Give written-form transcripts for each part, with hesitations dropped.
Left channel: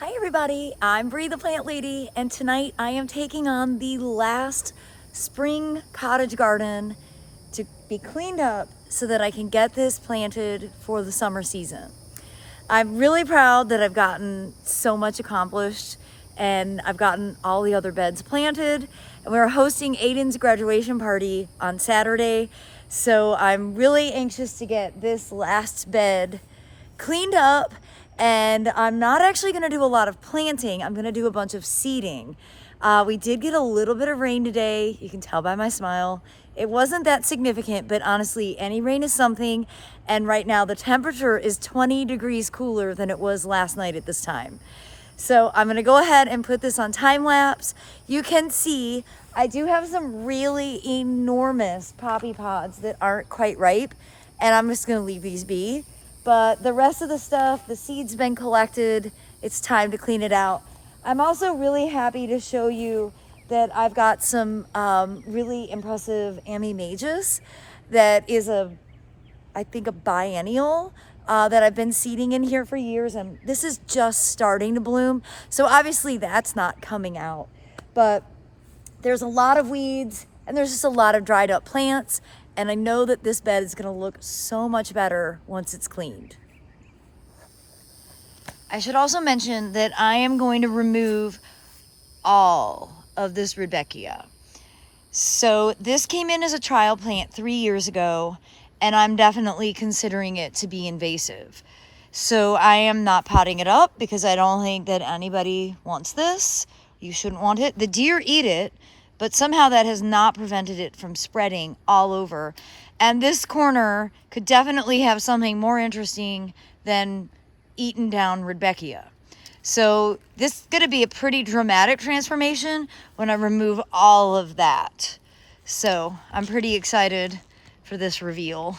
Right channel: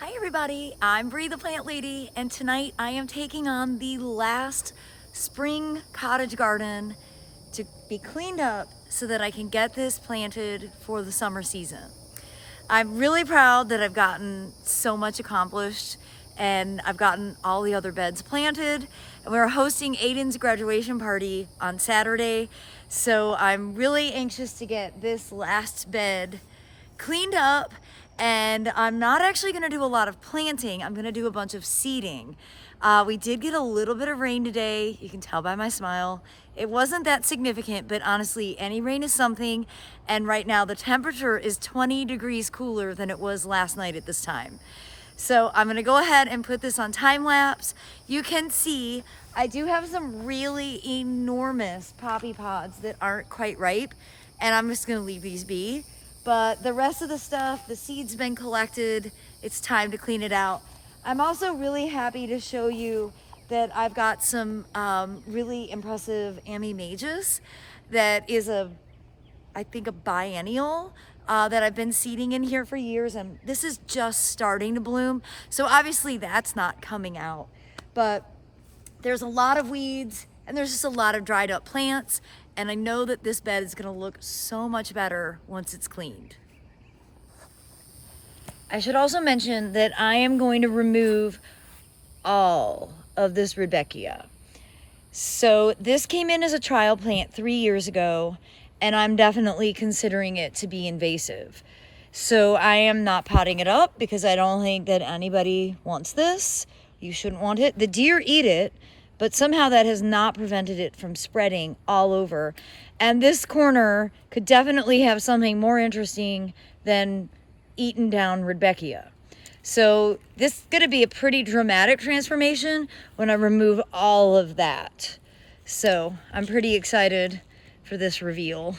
Hi everybody, I'm Bree the Plant Lady, and tonight I am taking on the last spring cottage garden to be cleaned up so that I can get this planted for the summer season. I'm really proud that I've gotten so much accomplished and I've gotten all the other beds planted, and we're hosting Aiden's graduation party on Saturday, so I'm really anxious to get this last bed cleaned up. And I'm not actually gonna do a lot of planting. I'm gonna do a bunch of seeding. We did get a little bit of rain today. You can tell by my smile. It wasn't that significant, but honestly, any rain is something. And right now the temperature is 20 degrees cooler than it was last night at this time. So I'm gonna go ahead and put this on time lapse. You can see I do have some really enormous poppy pods that aren't quite ripe, and I'm just gonna leave these be. But the rest of the stuff, the seeds been collected, it's time to clean it out. I'm also really happy to show you that I've got some really impressive Amimagus that is I think a biennial that I've been seeding in here for years, and this is just starting to bloom. So obviously that's not coming out, but there's a lot of weeds and there's just a lot of dried up plants. And I know that this bed is gonna look so much better once it's cleaned. I should also mention that I am going to remove all of this Rudbeckia. So this came in as a trial plant 3 years ago, and I'm definitely considering it to be invasive. So I am not potting it up because I don't think that anybody wants this. You shouldn't want it. The deer eat it, but somehow that has not prevented it from spreading all over. And this corner could definitely have something more interesting than eaten down Rudbeckia. So this is gonna be a pretty dramatic transformation when I remove all of that. So I'm pretty excited for this reveal.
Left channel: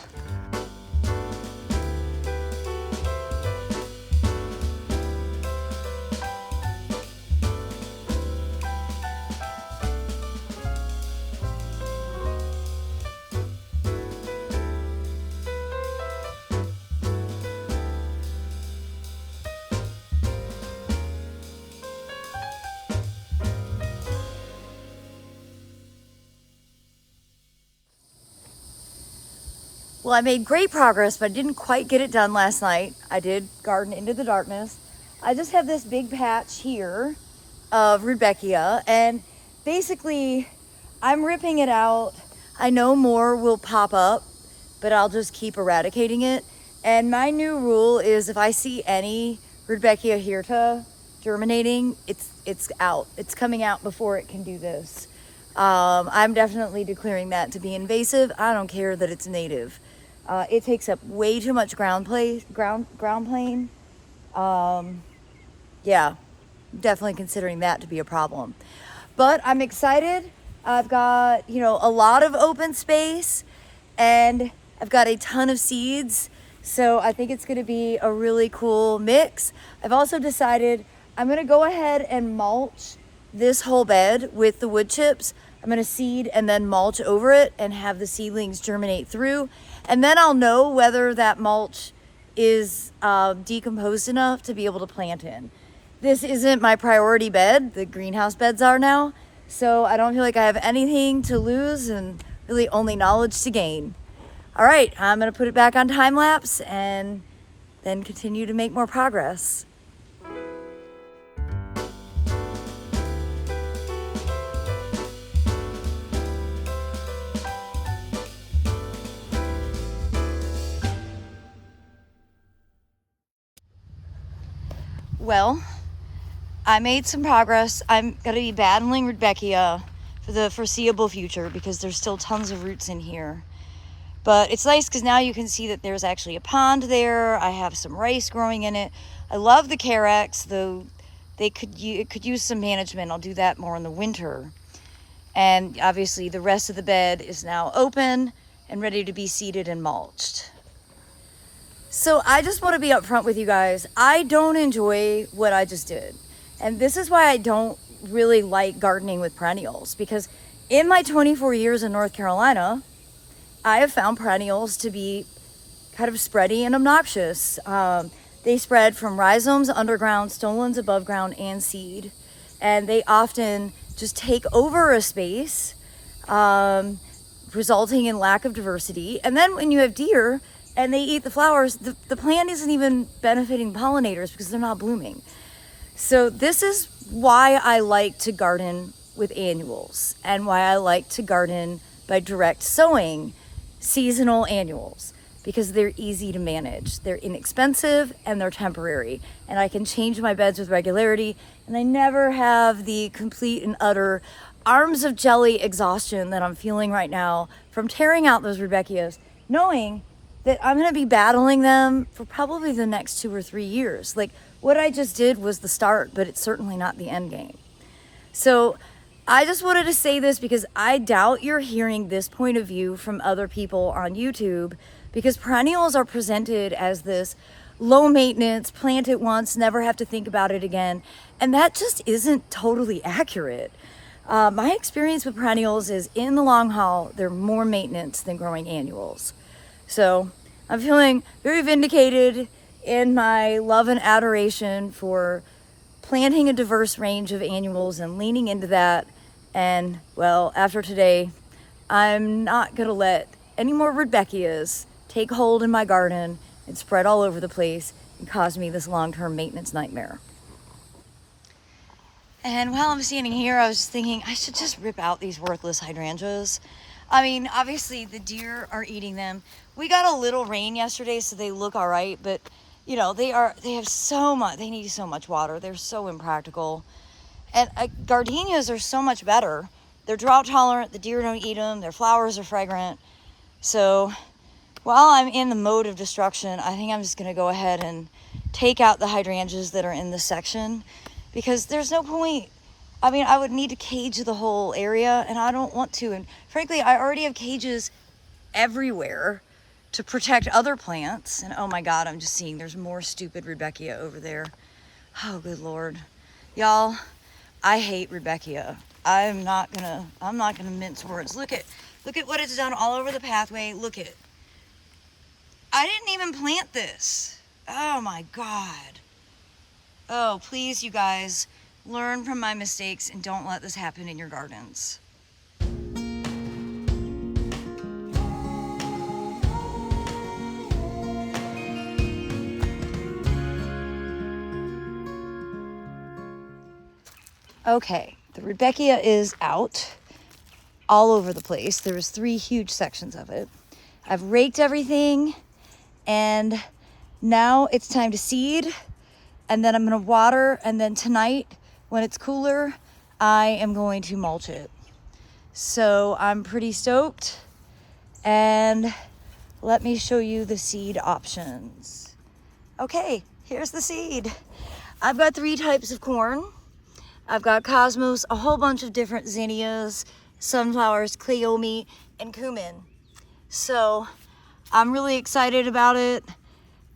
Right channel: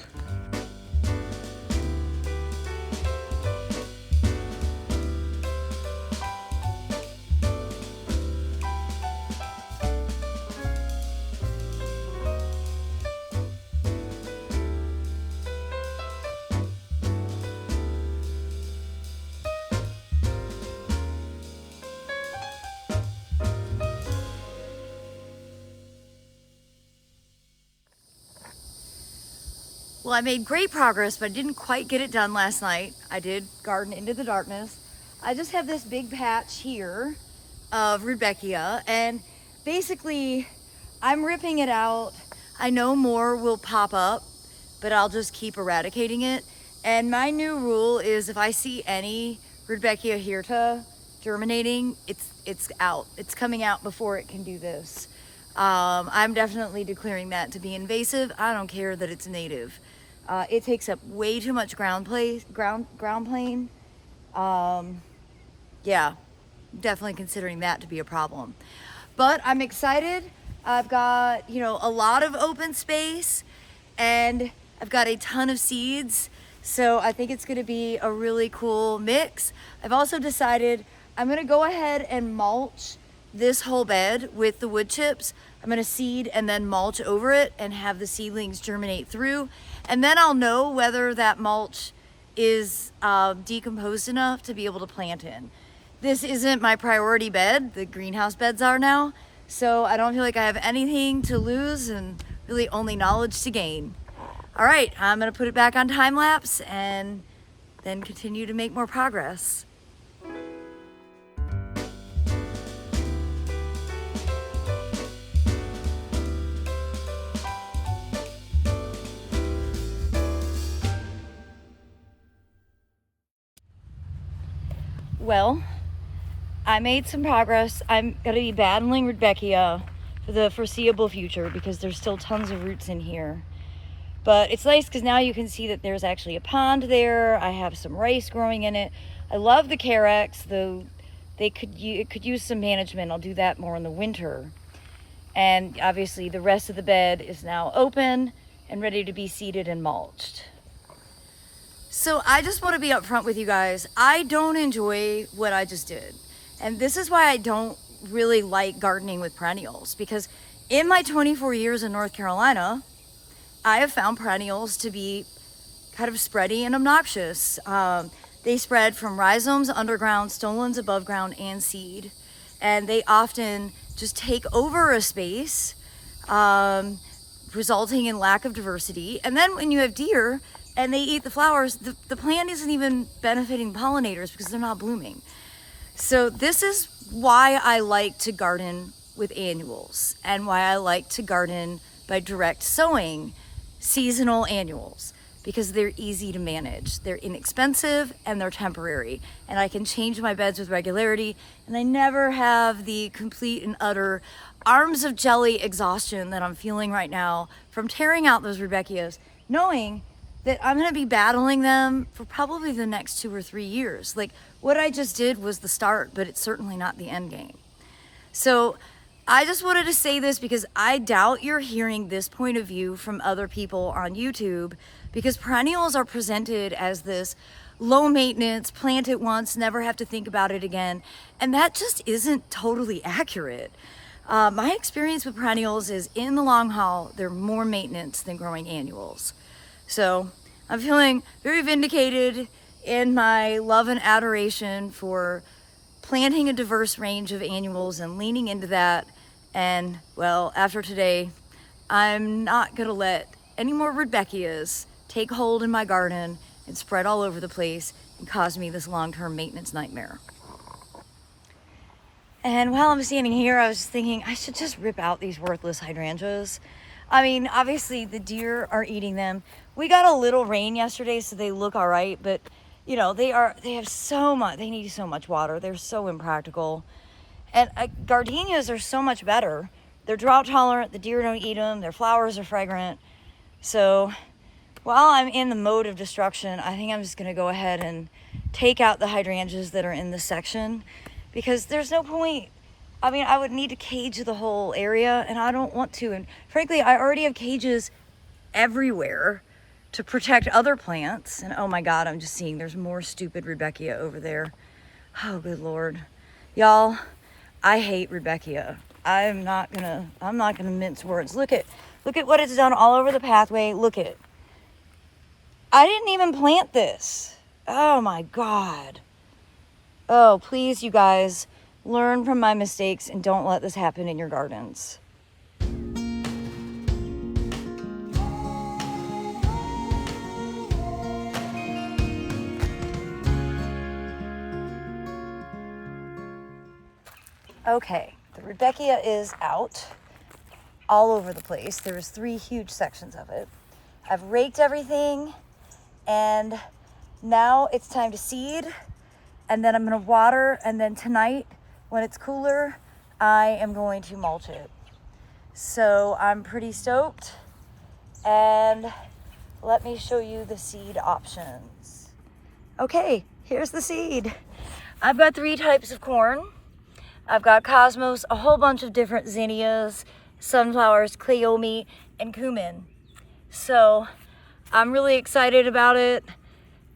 Well, I made great progress, but I didn't quite get it done last night. I did garden into the darkness. I just have this big patch here of Rudbeckia, and basically I'm ripping it out. I know more will pop up, but I'll just keep eradicating it. And my new rule is if I see any Rudbeckia hirta germinating, it's out. It's coming out before it can do this. I'm definitely declaring that to be invasive. I don't care that it's native. It takes up way too much ground plane. Yeah, definitely considering that to be a problem. But I'm excited. I've got, a lot of open space, and I've got a ton of seeds. So I think it's gonna be a really cool mix. I've also decided I'm gonna go ahead and mulch this whole bed with the wood chips. I'm gonna seed and then mulch over it and have the seedlings germinate through. And then I'll know whether that mulch is decomposed enough to be able to plant in. This isn't my priority bed. The greenhouse beds are now. So I don't feel like I have anything to lose and really only knowledge to gain. All right, I'm gonna put it back on time lapse and then continue to make more progress. Well, I made some progress. I'm gonna be battling Rudbeckia for the foreseeable future because there's still tons of roots in here. But it's nice because now you can see that there's actually a pond there. I have some rice growing in it. I love the carex, though it could use some management. I'll do that more in the winter. And obviously the rest of the bed is now open and ready to be seeded and mulched. So I just want to be upfront with you guys. I don't enjoy what I just did. And this is why I don't really like gardening with perennials, because in my 24 years in North Carolina, I have found perennials to be kind of spready and obnoxious. They spread from rhizomes underground, stolons above ground, and seed. And they often just take over a space, resulting in lack of diversity. And then when you have deer and they eat the flowers, the plant isn't even benefiting pollinators because they're not blooming. So this is why I like to garden with annuals and why I like to garden by direct sowing seasonal annuals, because they're easy to manage. They're inexpensive and they're temporary, and I can change my beds with regularity, and I never have the complete and utter arms of jelly exhaustion that I'm feeling right now from tearing out those Rudbeckias, knowing that I'm gonna be battling them for probably the next 2 or 3 years. Like, what I just did was the start, but it's certainly not the end game. So I just wanted to say this because I doubt you're hearing this point of view from other people on YouTube, because perennials are presented as this low maintenance, plant it once, never have to think about it again. And that just isn't totally accurate. My experience with perennials is, in the long haul, they're more maintenance than growing annuals. So I'm feeling very vindicated in my love and adoration for planting a diverse range of annuals and leaning into that. And well, after today, I'm not gonna let any more Rudbeckias take hold in my garden and spread all over the place and cause me this long-term maintenance nightmare. And while I'm standing here, I was thinking I should just rip out these worthless hydrangeas. I mean, obviously the deer are eating them. We got a little rain yesterday, so they look all right, but you know, they need so much water. They're so impractical. And gardenias are so much better. They're drought tolerant, the deer don't eat them, their flowers are fragrant. So while I'm in the mode of destruction, I think I'm just gonna go ahead and take out the hydrangeas that are in this section, because there's no point. I mean, I would need to cage the whole area, and I don't want to. And frankly, I already have cages everywhere to protect other plants. And oh my God, I'm just seeing there's more stupid Rudbeckia over there. Oh, good Lord. Y'all, I hate Rudbeckia. I'm not gonna mince words. Look at what it's done all over the pathway. Look at, I didn't even plant this. Oh my God. Oh, please, you guys, learn from my mistakes and don't let this happen in your gardens. Okay, the Rudbeckia is out all over the place. There's 3 huge sections of it. I've raked everything, and now it's time to seed, and then I'm gonna water, and then tonight, when it's cooler, I am going to mulch it. So I'm pretty stoked, and let me show you the seed options. Okay, here's the seed. I've got 3 types of corn. I've got cosmos, a whole bunch of different zinnias, sunflowers, cleome, and cumin. So I'm really excited about it.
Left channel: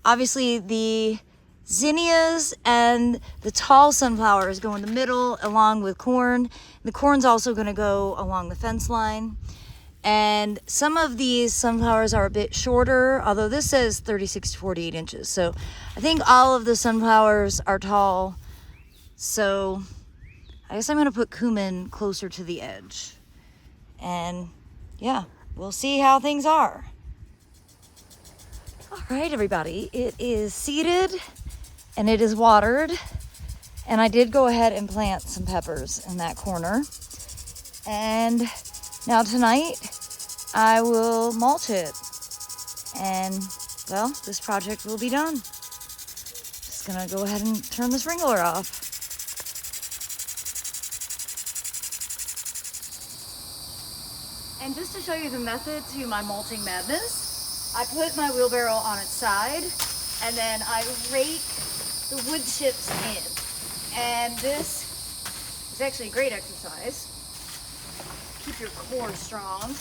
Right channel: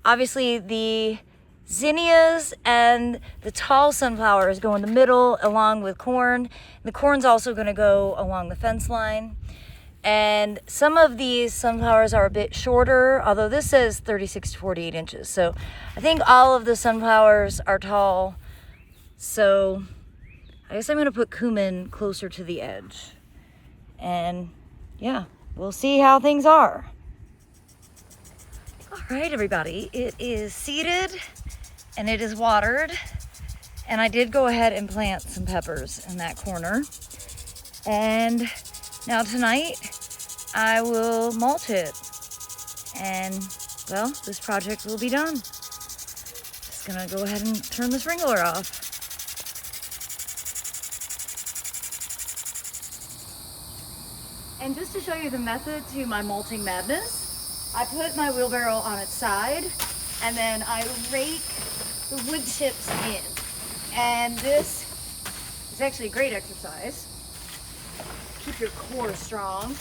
Obviously the zinnias and the tall sunflowers go in the middle along with corn. The corn's also gonna go along the fence line. And some of these sunflowers are a bit shorter, although this says 36 to 48 inches. So I think all of the sunflowers are tall. So I guess I'm gonna put cumin closer to the edge. And yeah, we'll see how things are. All right, everybody, it is seeded and it is watered. And I did go ahead and plant some peppers in that corner. And now tonight I will mulch it. And well, this project will be done. Just gonna go ahead and turn the sprinkler off. And just to show you the method to my mulching madness, I put my wheelbarrow on its side and then I rake the wood chips in. And this is actually a great exercise. Keep your core strong.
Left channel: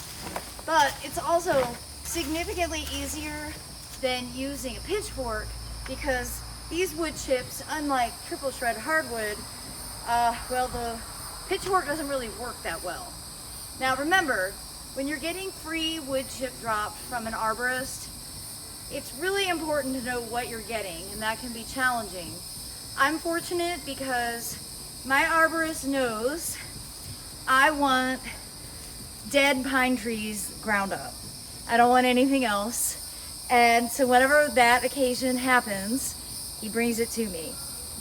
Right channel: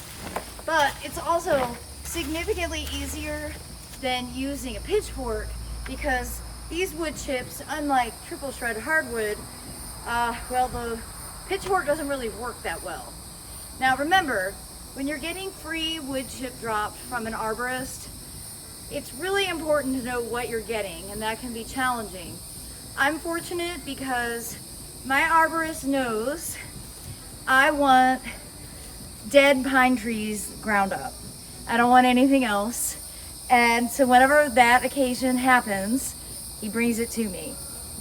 But it's also significantly easier than using a pitchfork, because these wood chips, unlike triple shred hardwood, well, the pitchfork doesn't really work that well. Now remember, when you're getting free wood chip dropped from an arborist, it's really important to know what you're getting, and that can be challenging. I'm fortunate because my arborist knows I want dead pine trees ground up. I don't want anything else. And so whenever that occasion happens, he brings it to me.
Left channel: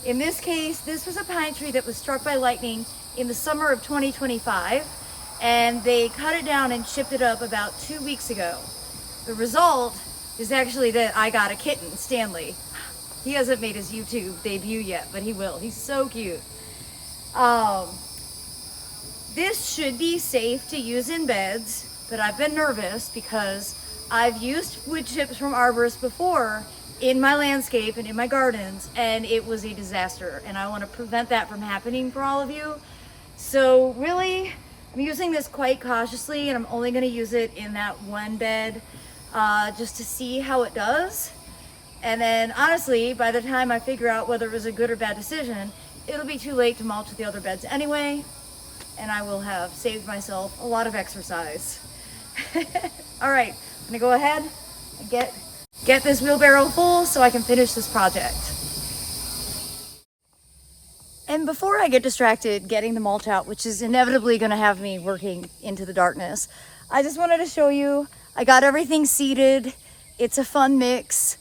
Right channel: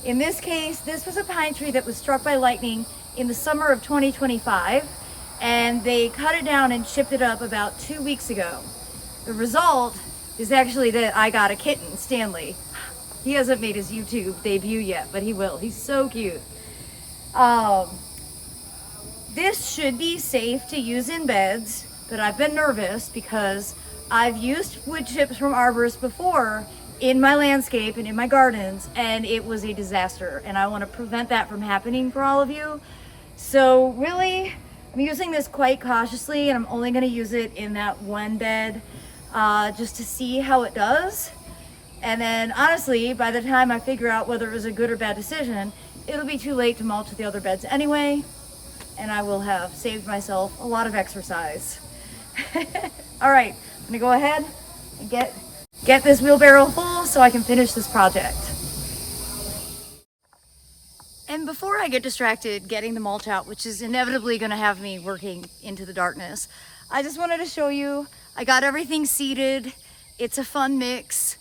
In this case, this was a pine tree that was struck by lightning in the summer of 2025, and they cut it down and chipped it up about 2 weeks ago. The result is actually that I got a kitten, Stanley. He hasn't made his YouTube debut yet, but he will. He's so cute. This should be safe to use in beds, but I've been nervous because I've used wood chips from arborists before in my landscape and in my gardens, and it was a disaster, and I want to prevent that from happening for all of you. So really, I'm using this quite cautiously, and I'm only going to use it in that one bed just to see how it does. And then honestly, by the time I figure out whether it was a good or bad decision, it'll be too late to mulch the other beds anyway, and I will have saved myself a lot of exercise. All right, I'm gonna go ahead and get this wheelbarrow full so I can finish this project. And before I get distracted getting the mulch out, which is inevitably gonna have me working into the darkness, I just wanted to show you, I got everything seeded. It's a fun mix.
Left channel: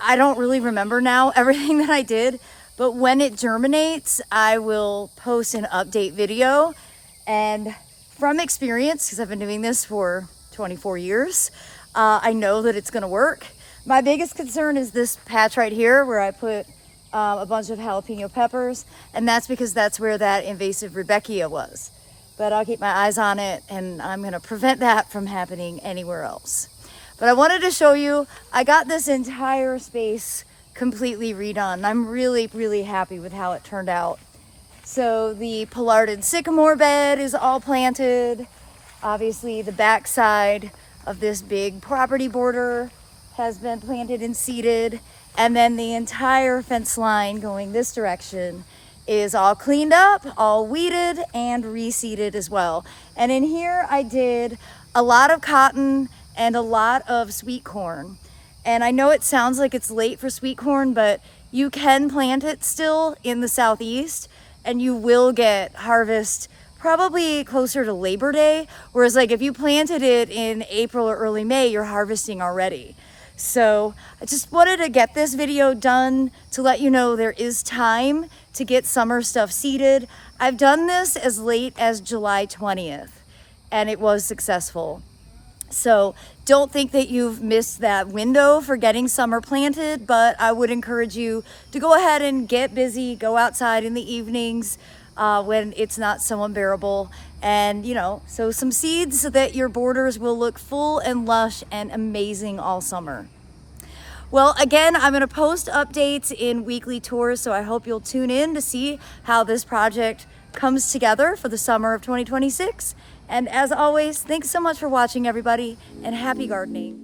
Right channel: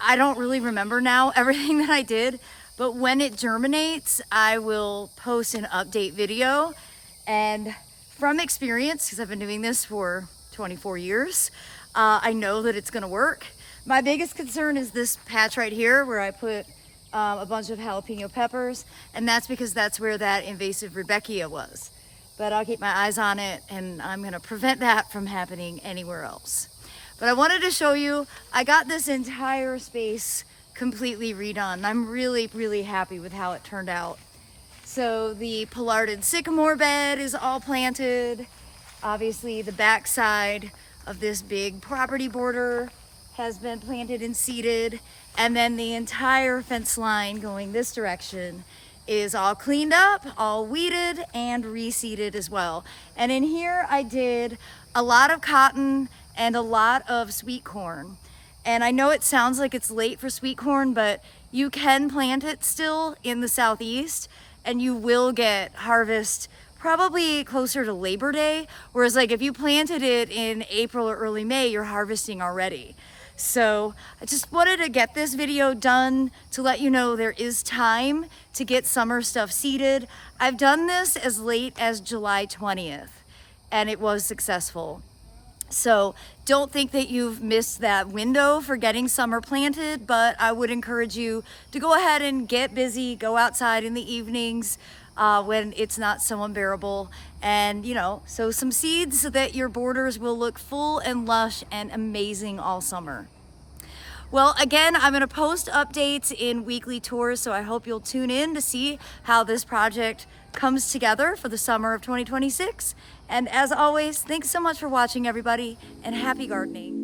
I don't really remember now everything that I did, but when it germinates, I will post an update video. And from experience, because I've been doing this for 24 years, I know that it's gonna work. My biggest concern is this patch right here where I put a bunch of jalapeno peppers, and that's because that's where that invasive Rudbeckia was. But I'll keep my eyes on it, and I'm gonna prevent that from happening anywhere else. But I wanted to show you, I got this entire space completely redone. I'm really, really happy with how it turned out. So the Pollarded sycamore bed is all planted. Obviously the backside of this big property border has been planted and seeded. And then the entire fence line going this direction is all cleaned up, all weeded and reseeded as well. And in here I did a lot of cotton and a lot of sweet corn. And I know it sounds like it's late for sweet corn, but you can plant it still in the southeast and you will get harvest probably closer to Labor Day. Whereas like if you planted it in April or early May, you're harvesting already. So I just wanted to get this video done to let you know there is time to get summer stuff seeded. I've done this as late as July 20th and it was successful. So don't think that you've missed that window for getting summer planted, but I would encourage you to go ahead and get busy, go outside in the evenings when it's not so unbearable, and sow some seeds so that your borders will look full and lush and amazing all summer. Well, again, I'm gonna post updates in weekly tours, so I hope you'll tune in to see how this project comes together for the summer of 2026. And as always, thanks so much for watching, everybody, and happy gardening.